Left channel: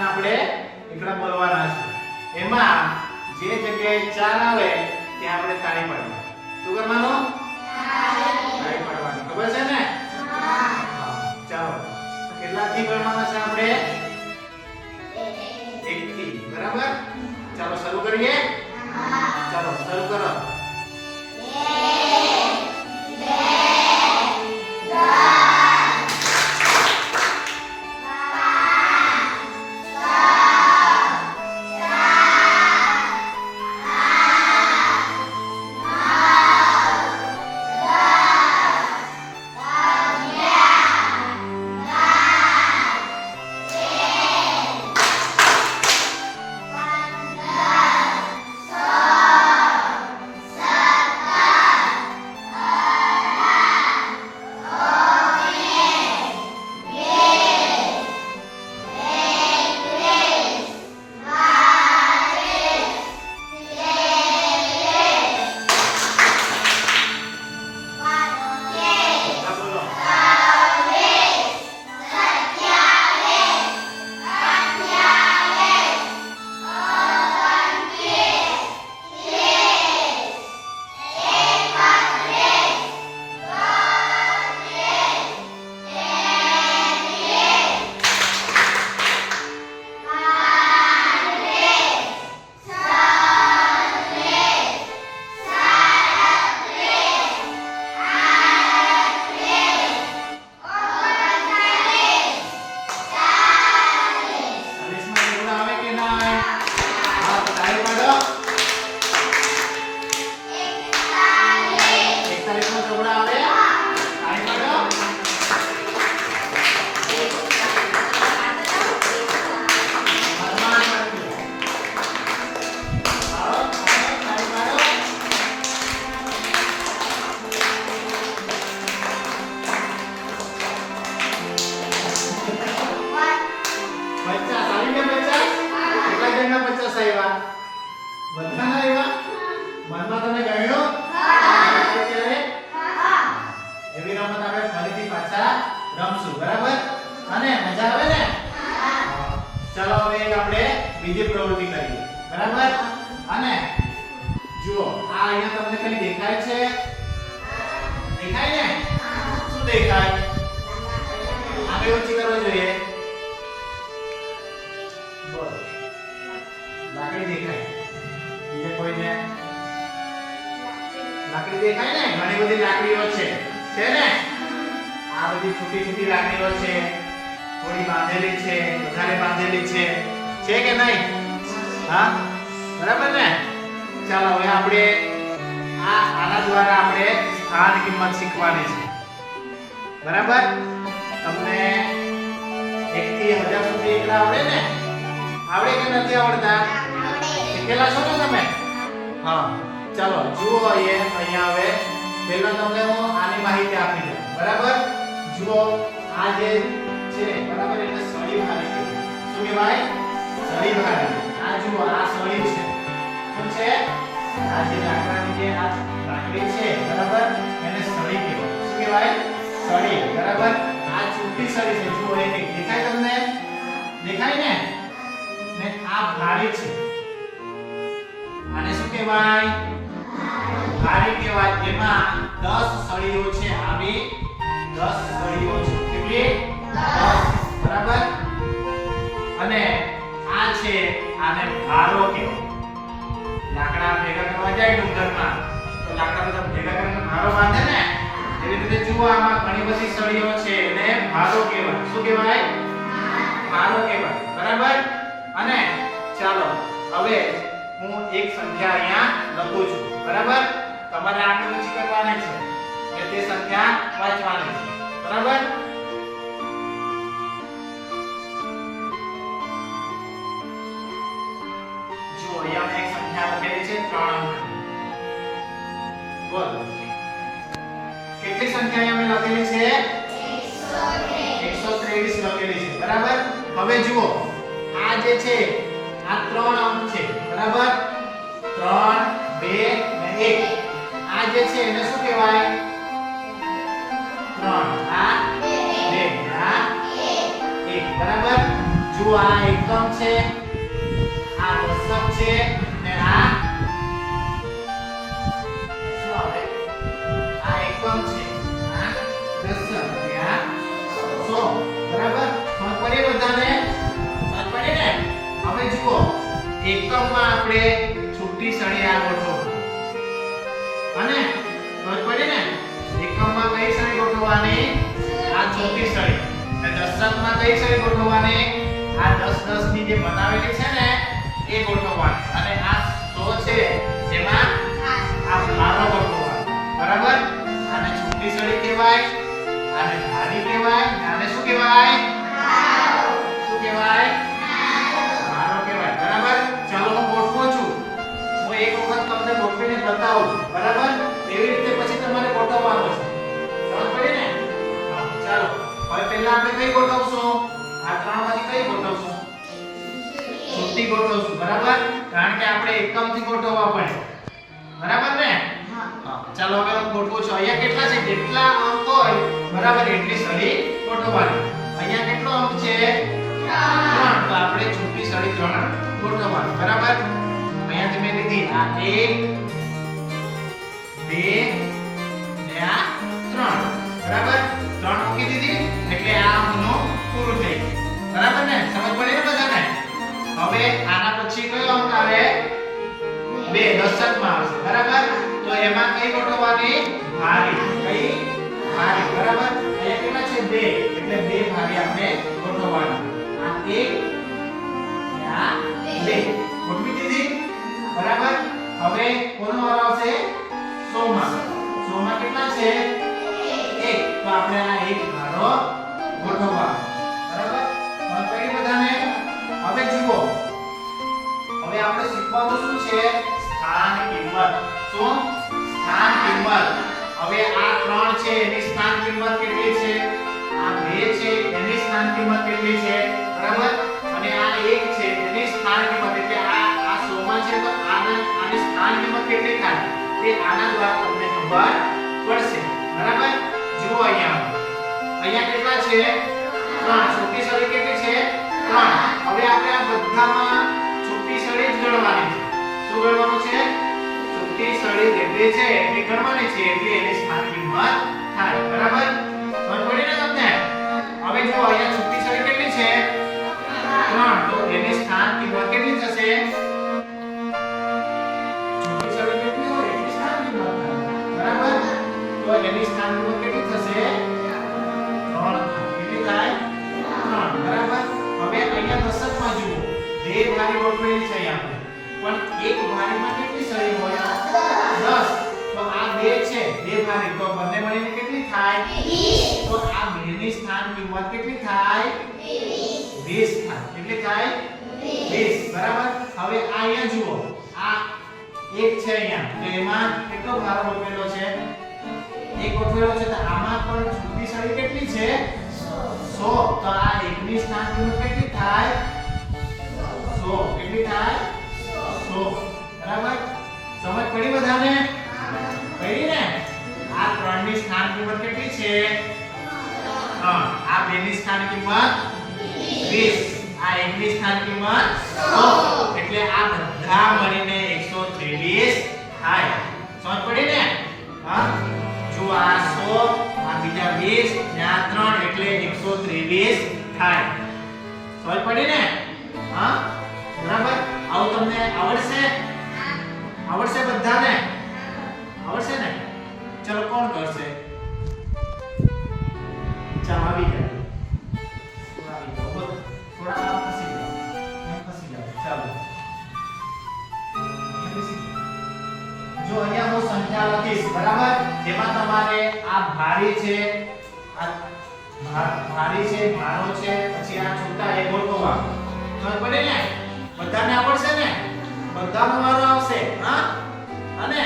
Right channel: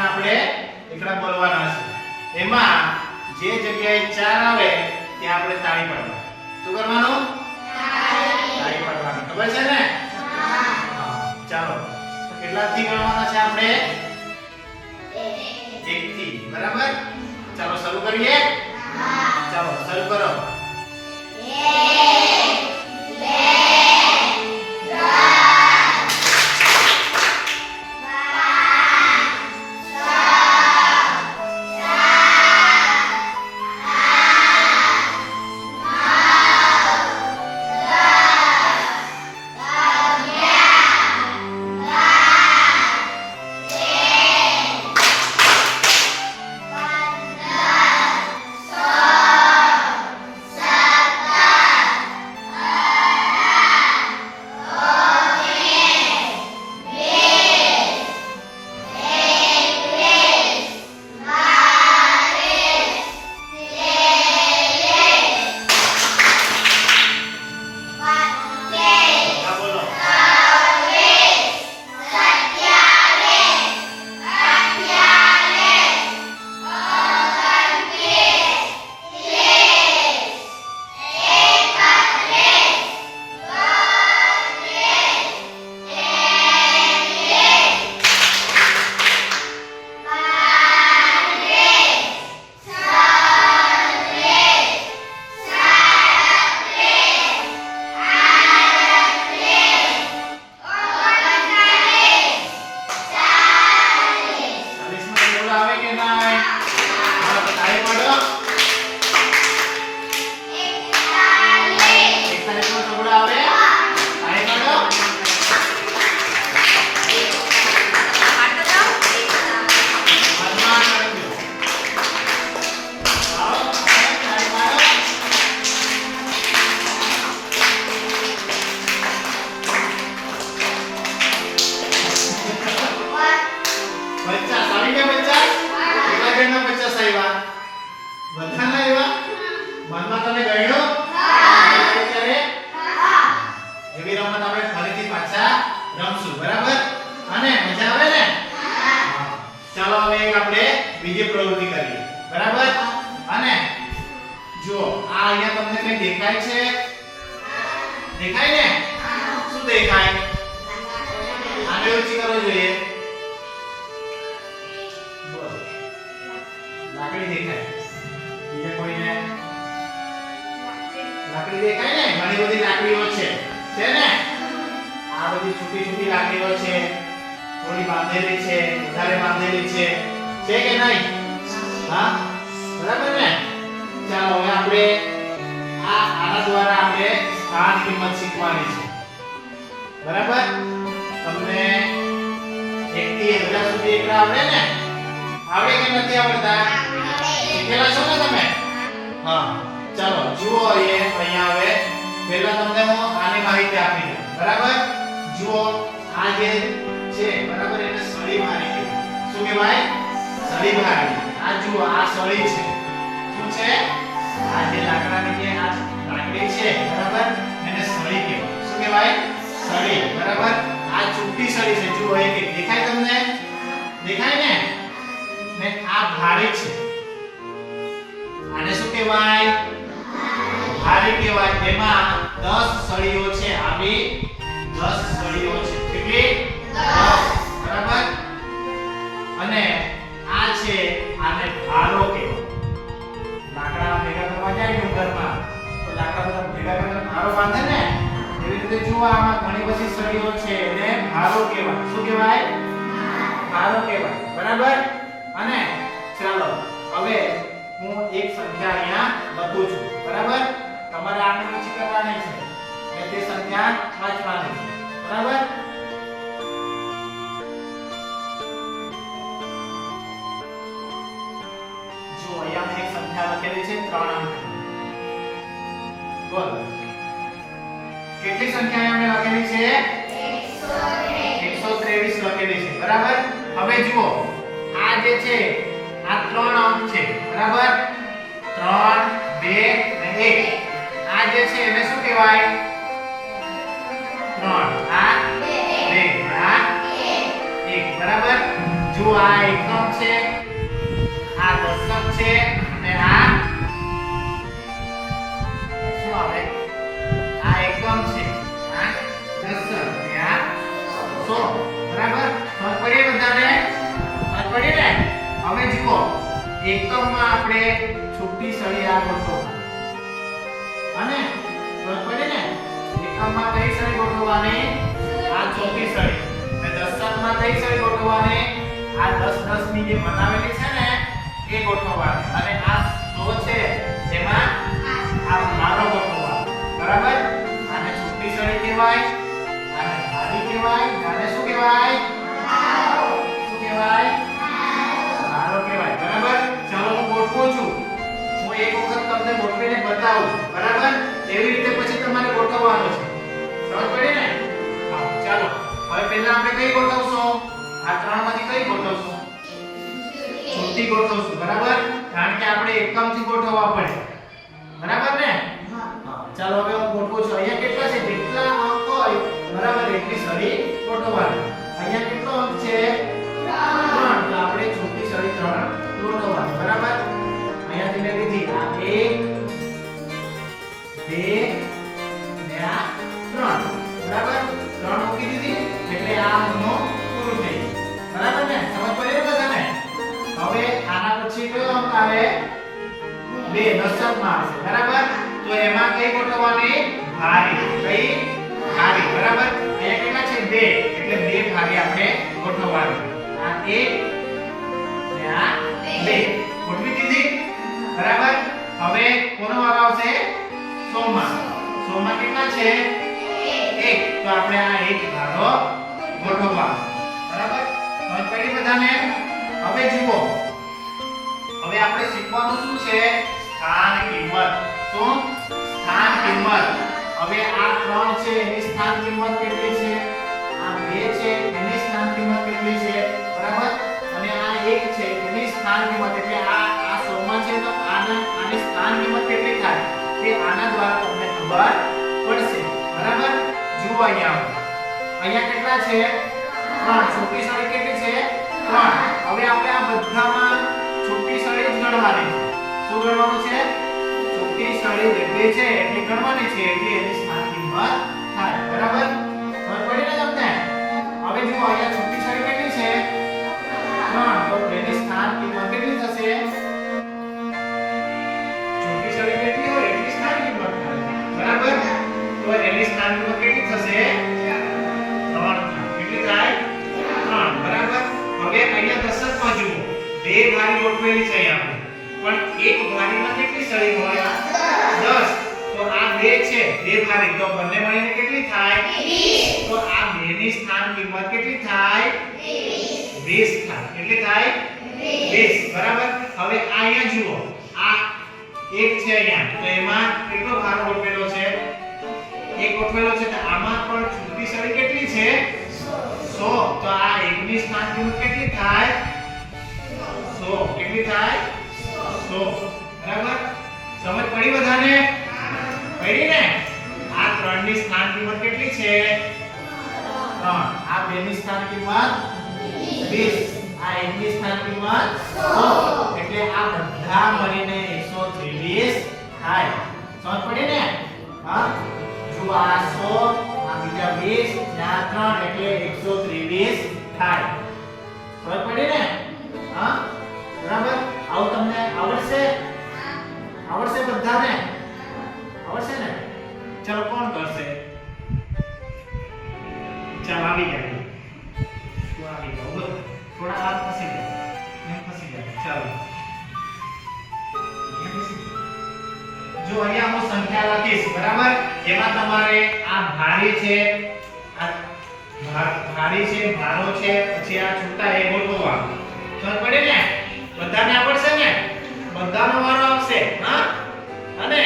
સુધીના આપણે એકડા બોલવાના છે. એમાં જે જગ્યાએ ચાર આવે, ત્યાં આપણે તાળી પાડવાનું. શું કરવાનું? તાળી પાડવાનું. ખબર છે ને? હા. ચાલો. કેટલાથી ગણવાના છે આપણે? એક થી બરાબર? ચાલો, શરૂ કરીએ? ચાલો, શરૂ કરો. બીજી પ્રવૃત્તિ કરીએ. બરાબર? અને જો આ અહીંયા તમને કઈ દેખાય છે? દેખાય ને? શું દેખાય? આગળ ઓછી કરવી જોઈએ. લાકડી દેખાય. બીજે કોઈને? લાકડી દેખાય ને? ઘણી બધી લાકડીઓ છે. છે ને? આ બધી છૂટી છૂટી લાકડીઓ છે. થોડી બાંધેલી છે, વધારે બાંધેલી છે. છે કે નહીં? હા? બરાબર ને? ચાલો, હવે આપણે આ, આના દ્વારા આપણે સ્થાન કિંમત શીખવાની છે. બરાબર? તમને એક થી હજાર સુધી એકલા આવડે ને? આવડે કે નથી આવડતા? શીખેલા છો ને તમે? હા. ચાલો, જુઓ અહીંયા અહીંયા આવે પહેલા તમને હું આની માહિતી આપી દઉં. બરાબર? જુઓ, આ જે છે, બરાબર, એને સળી કહેવાય શું કહેવાય? સળી ભારી આ જુઓ આ સળી છે. શું છે? આ જે લાકડાની જે આ લાકડી છે, બરાબર? એને સળી કહેવાય. શું કહેવાય? સળી, બરાબર? આ ચૂંટી સળી છે. જુઓ એક એક. દેખાય તમને? દેખાય ને? ને આ ભારી છે. આને શું કહેવાય? ભારી કહેવાય. એમાં 10 સળીઓ છે. આવી 10 સળીઓ છે. કેટલી? 10 બરાબર? અને છે. આને ભારો કહેવાય લાકડા ભેગા કરવા જાય ડુંગરમાં તો લાકડા બધા ભેગા કરીને ભારો બાંધે ને, એવી રીતે જુઓ આમાં ઘણી બધી સળીઓ છે એને ભારો કહેવાય. શું કહેવાય? ભારો કહેવાય. બરાબર? અને ચાલો, હવે હું એક સંખ્યા અહીંયા લખું છું. બરાબર? તમારે આને ઊંચી કરવાની છે. અને તે સંખ્યા વાંચવાની છે બોલો. કેટલી સંખ્યા અમે લખેલી છે? 123 લખેલી છે. બરાબર? હવે જુઓ. આ જે છે, આ ત્રણ અંક છે. બરાબર? 3 2 એક. આ જે છે, એને શું કહેવાય? ત્રણ. આ? બે. આ? એક. બરાબર? જો આ એકમ છે. આ દશક છે. એકમમાં આપણે છૂટી સળી આ ગોઠવો. અને સમજ પડી ને, એકમમાં કઈ સળી ગોઠવવાની? આ ચોથી સળી. અને દશકમાં કઈ સળી ગોઠવવાની? આ 10 10 ની જે બનાવેલી છે ને, એ ગોઠવવાની. અને આ 100 છે, એમાં આ ભારો ગોઠવવાનો. બરાબર? આને છૂટી સળી કહેવાય, આને ભારી કહેવાય આને શું કહેવાય? શું કહેવાય? ગોઠવું છું. હું એક વખત તમને ગોઠવીને બતાવું. બરાબર? એવી રીતે પછી તમારે ગોઠવવાનું છે. સમજ પડી ને? ચાલો. હવે પહેલા આપણે કઈ ગોઠવશું? આ ત્રણમાંથી કઈ ગોઠવશું? છૂટી ગોઠવશું બરાબર? કારણ કે આપણે એકમથી ગોઠવવા પડે. બરાબર ને? ચાલો હવે ગોઠવો છું. અહીંયા કેટલા છે? જેટલા અંક હોય? બરાબર એટલી સળી ગોઠવવાની. અહીંયા કેટલો અંક છે? ત્રણ. તો આપણે છૂટી સળી ત્રણ ગોઠવવાની. બરાબર? આ એક બે. ને આ ત્રણ બરાબર ત્રણ મૂકી દીધી એટલે આ અંકનો પૂરો થઈ ગયો બરાબર ને સમજ પડી ને બધાને હવે આના પછી કયો અંક આવે બે દશકમાં આવશે બરાબર તો એમાં કઈ ગોઠવવાની ભારી કઈ ભારી બરાબર અહીંયા કેટલા છે બે એટલે બે ભારી આપણે ગોઠવવાની. આ એક ને આ બે. ગોઠવી બરાબર? હવે કોનો વારો આવશે? સોમાં સોમાં કેટલા છે? એક. તો આપણે આ એક ભારો ગોઠવવાનો. બરાબર? સમજ પડી બધાને? હવે જુઓ. હવે આપણે શીખવાનું શું છે? સ્થાન કિંમત. શું? સ્થાન કિંમત. હવે આ ત્રણ છે, એની સ્થાન કિંમત કેટલી છે? આ બે છે, એની સ્થાન કિંમત કેટલી છે? બરાબર? અને આ એક છે, એની સ્થાન કિંમત. એટલે આ આ 100 માં છે તો આને આની સ્થાન કિંમત કેટલી થાય? તે આના દ્વારા તમને ખબર પડશે. બરાબર? જુઓ અહીંયા અહીંયા કેટલા છે? ત્રણ. છોટી સળી કેટલી છે? ત્રણ. હવે આપણે આ બધામાં છૂટી સળી જ ગણવાની છે. શું ગણવાનું છે? છૂટી સળી જેટલી છે, એટલી ગણવાની છે, એટલે એની સ્થાન કિંમત થાય. બરાબર? ખબર પડી ને તમને? ઘારી છે આપણે પણ એક ઘારીમાં કેટલી સળી હોય 10 તો આ બે છે. બે ઘારી તો બંને મળીને કેટલી થાય? 20 તો આ બેની સ્થાન કિંમત કેટલી થાય? 20 થાય. કેટલી થાય? 20 બરાબર? હવે આ અહીંયા જુઓ. આ એક છે અહીંયા. તો એમાં કેટલો ભારો ગોઠવેલો છે? એક ગોઠવેલો છે. તો આમાં પણ છૂટી સળી કેટલી છે? 100 તો આ એકની સ્થાન કિંમત કેટલી થાય? 100 કેટલી થાય 100 બરાબર? સમજ પડી બધાને? પડી ને? આ ત્રણની સ્થાન કિંમત કેટલી છે? ત્રણ. આ બેની સ્થાન કિંમત 20 આ એકની સ્થાન કિંમત 100 એટલે આ બધા મળીને 123 થાય. સમજ પડી ને? હા? જો આ 100 આ બીજા 20 ત્યાં 3 એટલે 123 થાય. સમજ પડી ને? હા? બરાબર? આવું તમને આવડશે? આવડશે બધાને? આવડશે ને? ચલો, કોણ કરશે? ચાલ, આવી ગયા. જો અહીંયા હું સંખ્યા લખીશ, બરાબર? એમાં તમારે આ ભારી છે, આ ભારી છે, ભારો છે, પછી આ છૂટા એ ગોઠવવા ખબર પડે ને? બધાને આવડશે ને? બધાનો વારો આવશે હા? અને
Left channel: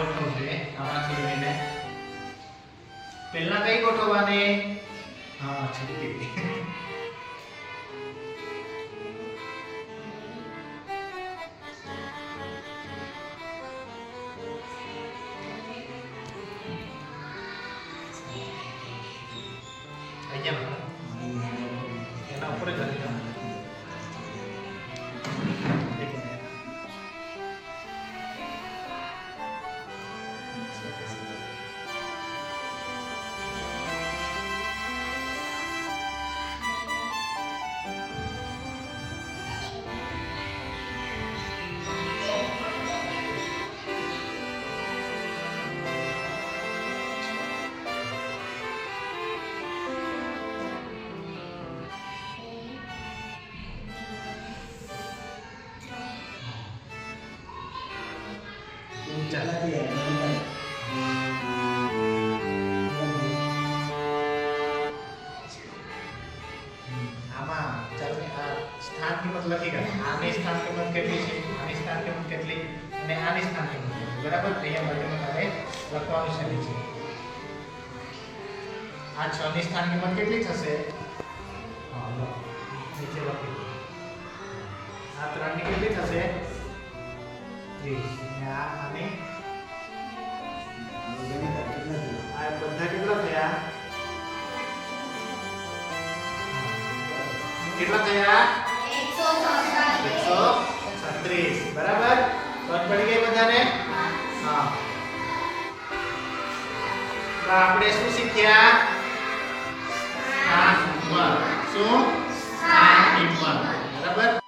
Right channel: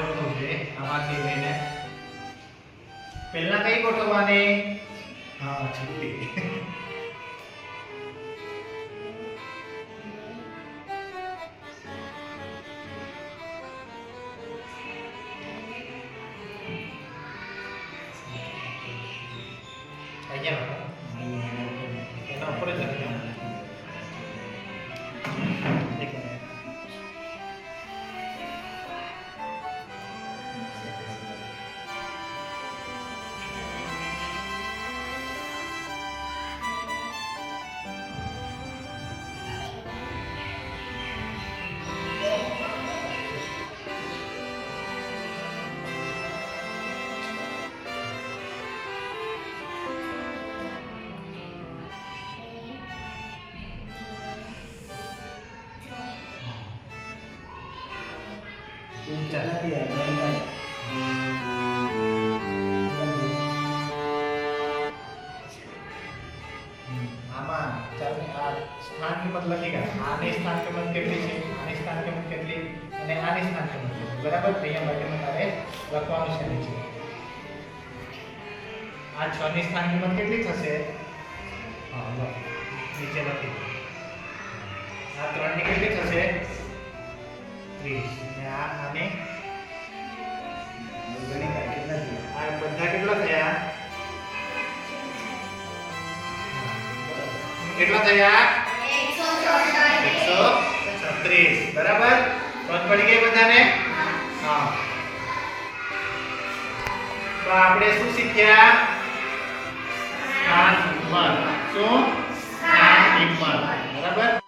ગોઠવજે આમાંથી લઈને પહેલા કઈ ગોઠવવાની હા છુટ્ટી આમાં સ્થાન કિંમત લખી ગયા આની સ્થાન કિંમત કેટલી છે આની સ્થાન કિંમત કેટલી અને આની સ્થાન કિંમત બરાબર તો અહીંયા માટેનું તારે લખવાનું છે આ છ સ્થાન કિંમત કેટલી થશે આ ત્રણની કેટલી થશે? ત્રીસ. અને આ બધા કેટલા થયા? બરાબર? સમજ પડી ગઈ બધાને? હા. તો આપણે શું શીખ્યા? સ્થાન કિંમત શું? સ્થાન કિંમત